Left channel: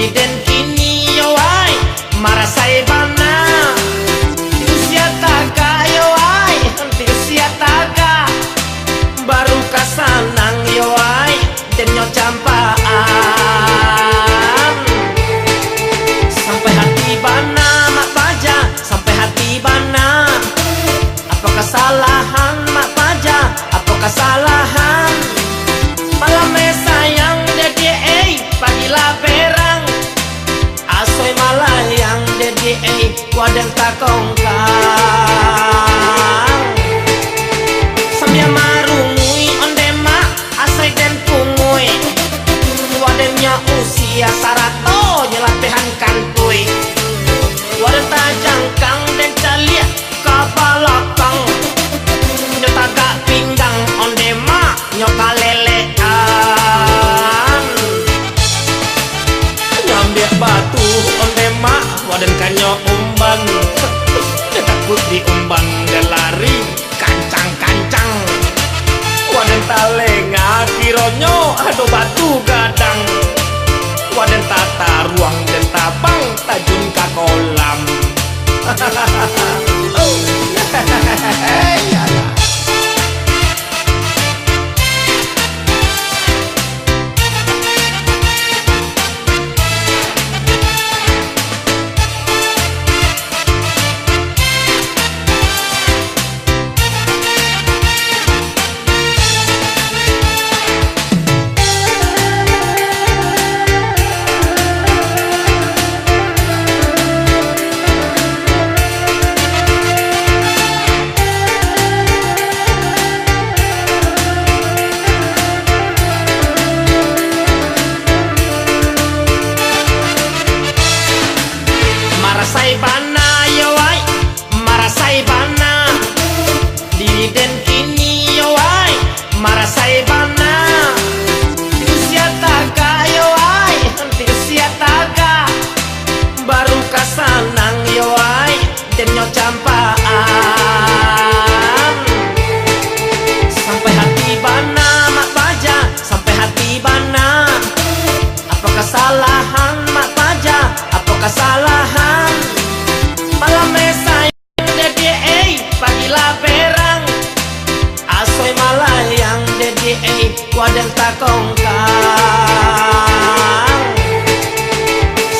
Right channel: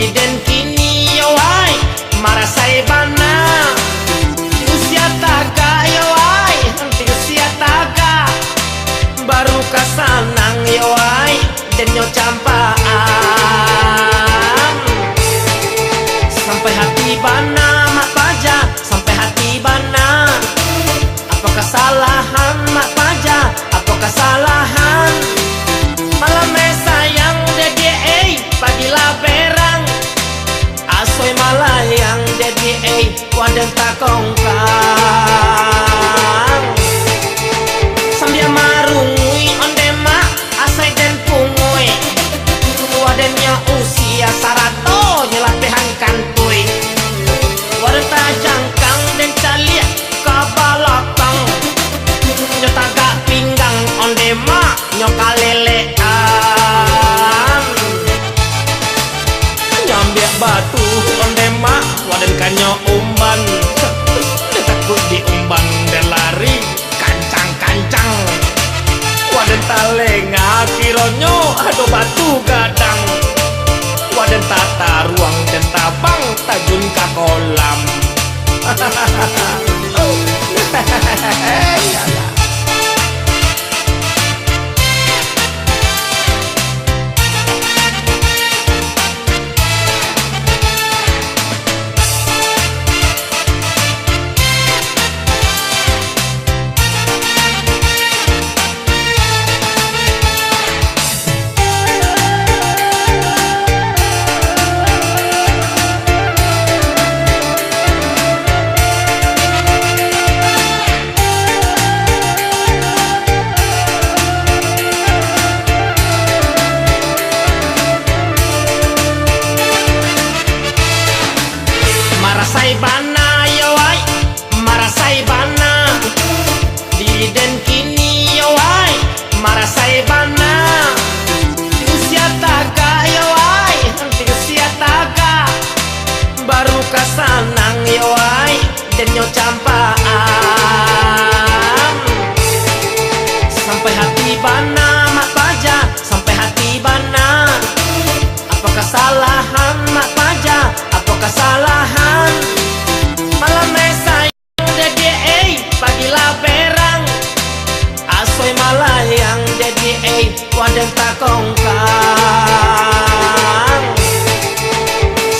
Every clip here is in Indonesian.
Diri den kini yo ai marasai bana di usia taga yo ai di usia taga baru kasanang yo ai den nyo campaan sampai hati bana mak paja sampai hati bana apa kesalahan mak paja apa kesalahan malam sayang dedi pagilah berang asoy malayang dedi waden takongkang sambil marungui ondema asoy den pungui wadennya usia sarato nyelapehan kantui waden tajangkang den calia kabalakang nyotaga pinggang ondema nyokalelean nyambiak batu ondema waden kanyo umban dia takut diumban dan lari kancang-kancang waden talenga kironyo ado batu gadang waden tata ruang dan tabang tajun ka kolam yalah. Marasai bana yo ai marasai bana diri den kini yo ai marasai bana di usia taga yo ai di usia taga baru kasanang yo ai den nyo campaan sampai hati bana mak paja sampai hati bana apa kesalahan mak paja apa kesalahan malam sayang dedi pagilah berang asoy malayang dedi waden takongkang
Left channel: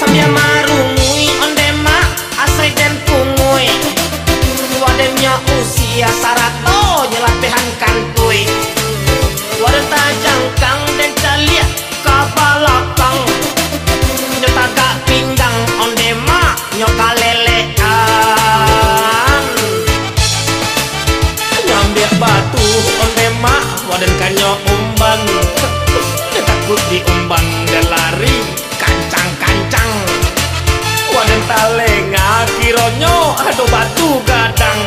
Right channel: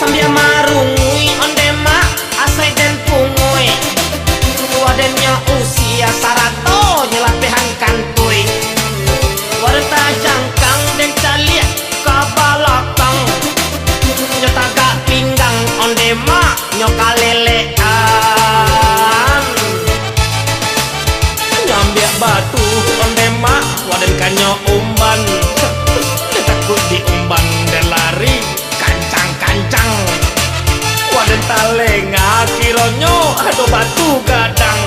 sambil marungui ondema asoy den pungui wadennya usia sarato nyelapehan kantui waden tajangkang den calia kabalakang nyotaga pinggang ondema nyokalelean nyambiak batu ondema waden kanyo umban dia takut diumban dan lari kancang-kancang waden talenga kironyo ado batu gadang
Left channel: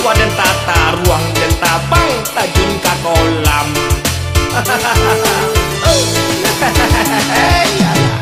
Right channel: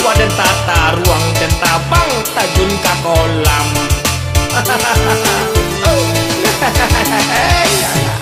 waden tata ruang dan tabang tajun ka kolam yalah.